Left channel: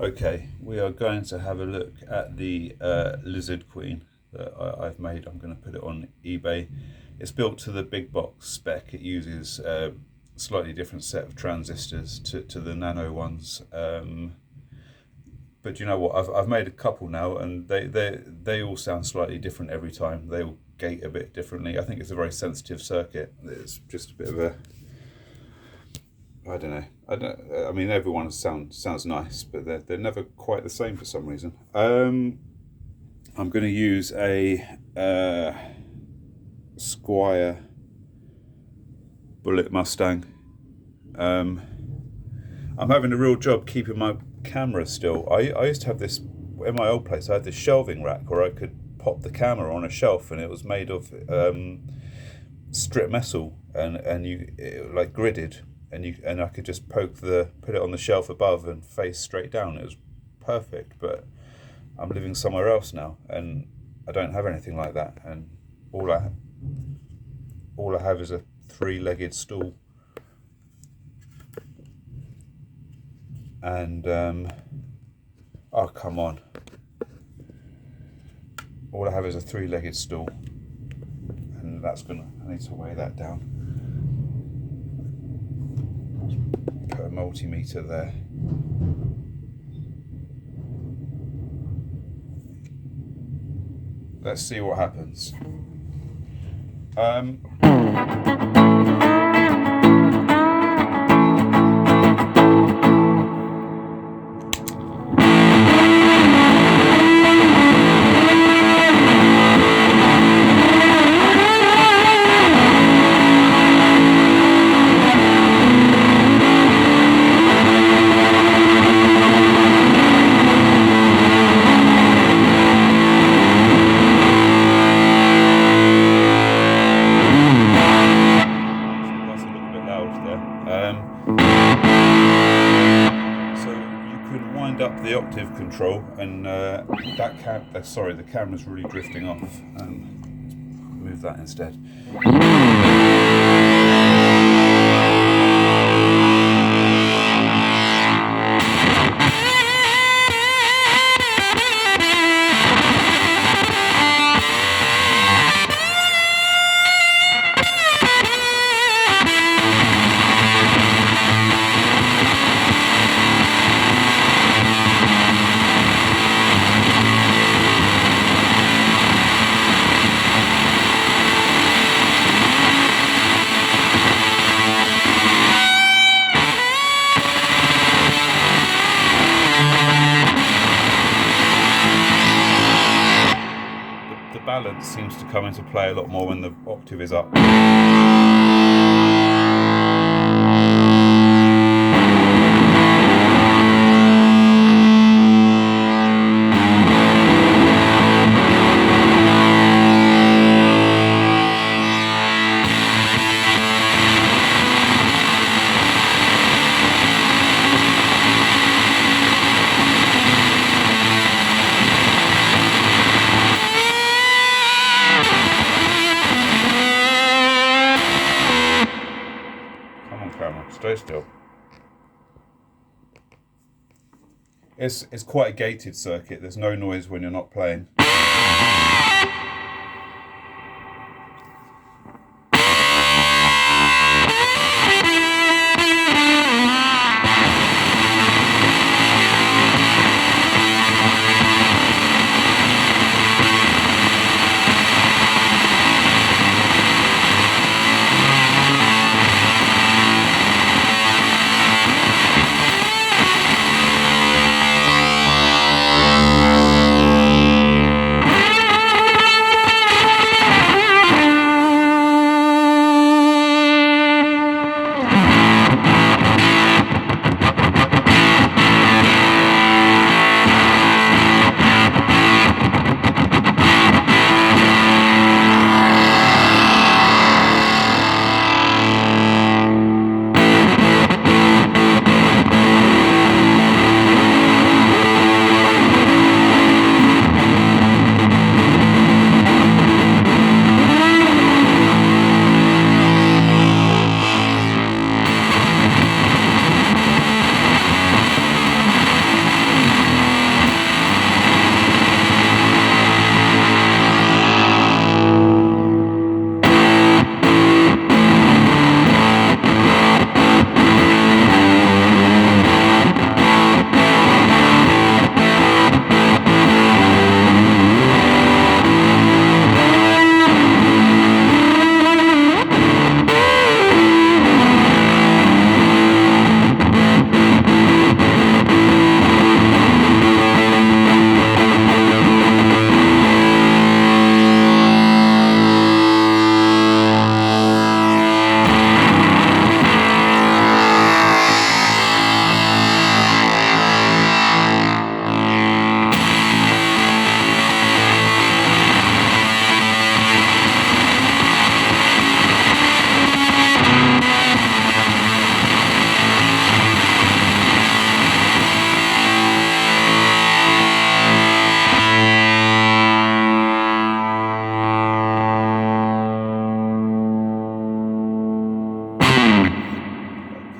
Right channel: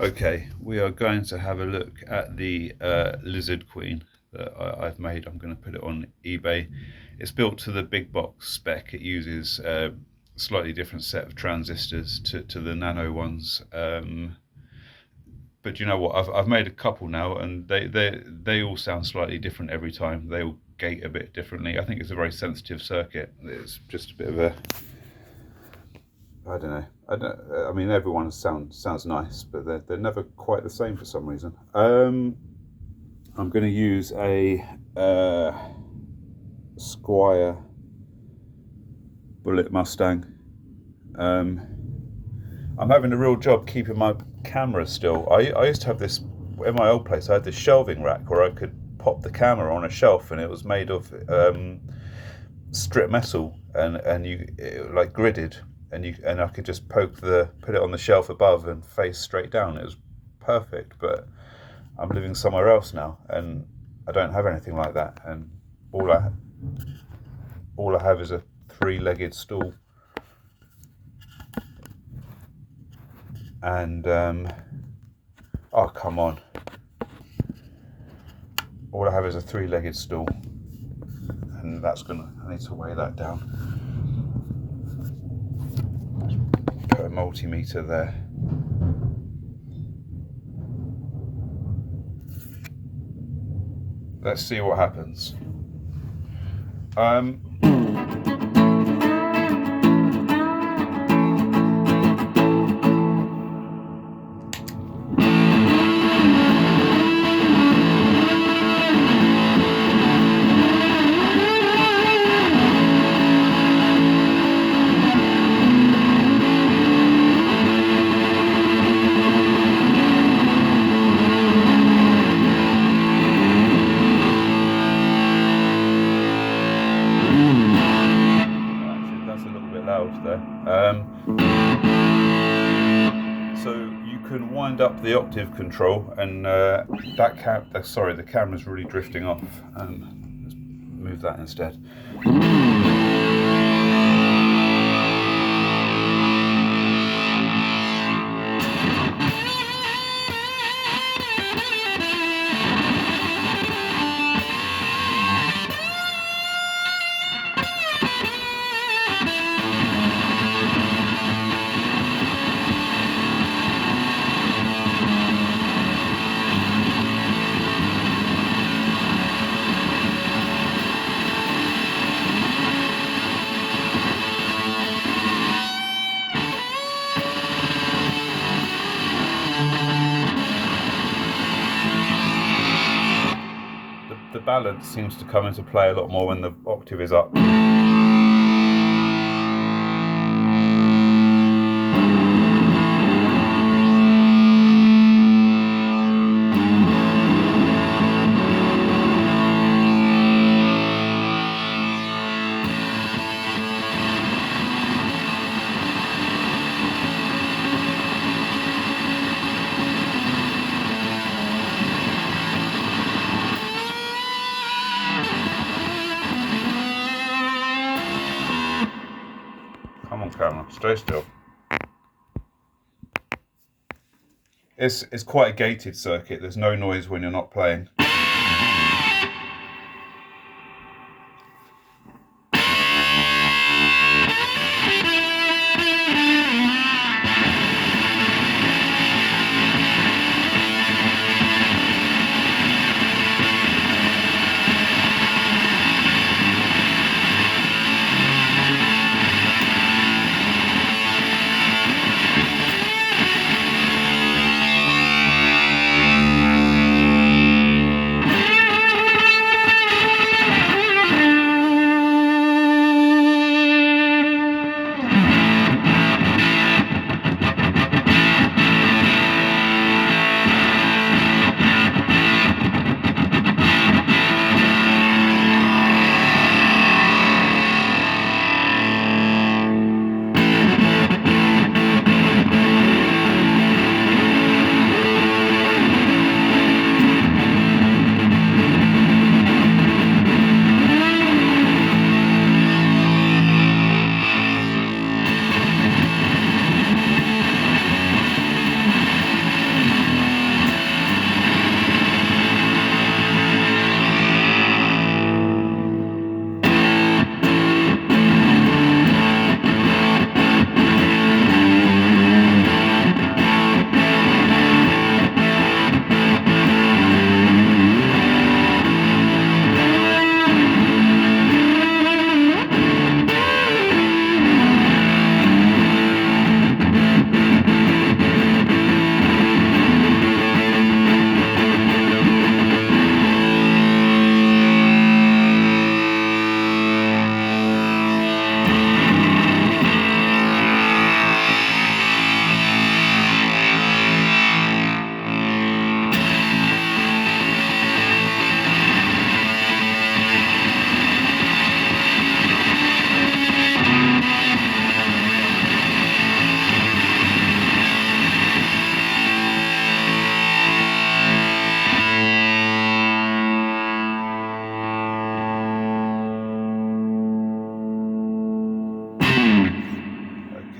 Okay, we are going to have a look at the Lizard Queen that I've made. I'm going to put it on eBay. It's built to the big box spec. It uses a slightly different set of transistors to the nano ones. But you know what? I've made a couple now, and they all sound slightly different every time. They all gate a bit differently. I think it's a very sensitive circuit. It's just a bit of a, I don't know. I mean, everyone sounds nice, but they're never quite the same for some reason. I'm going to use a Squier Bullet Mustang. I'm having a real job keeping my camera still. I used to have this in my old place. I had this shelving rack where I could pop the camera on a shelf, and it was made of strip metal and like gridded. And I could just put it on the shelf above and face straight down. It was perfect, but I'm living somewhere else now, and I don't have anything like that. And all I have is a three-legged stool, and oh come on! All I have is a three-legged stool, and I need to weigh that down. Put a multimeter there. Let's see what happens. So you can wind up the octave control, and the camera's really drifting off. Let's move that instead. The balance seems to come into play a lot more when the octave is up. Come on, camera, stay still. It's quite a gated circuit. There's no noise when you're not playing.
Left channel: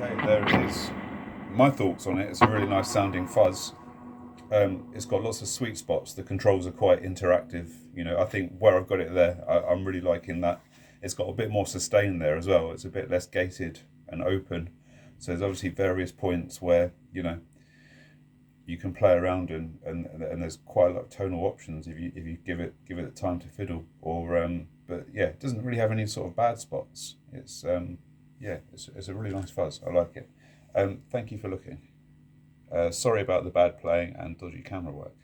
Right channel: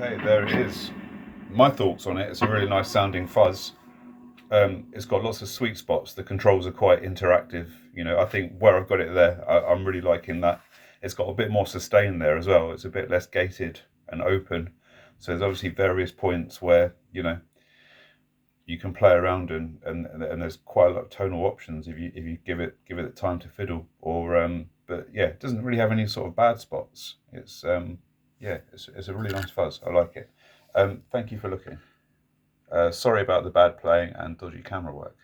Okay, there it is. My thoughts on it. It's a really nice sounding fuzz. It's got lots of sweet spots. The controls are quite interactive. You know, I think where I've got it there, I'm really liking that. It's got a bit more sustain there as well. It's a bit less gated and open. So there's obviously various points where, you know, you can play around and there's quite a lot of tonal options if you give it the time to fiddle. But yeah, it doesn't really have any sort of bad spots. It's it's a really nice fuzz. I like it. Thank you for looking. Sorry about the bad playing and dodgy camera work.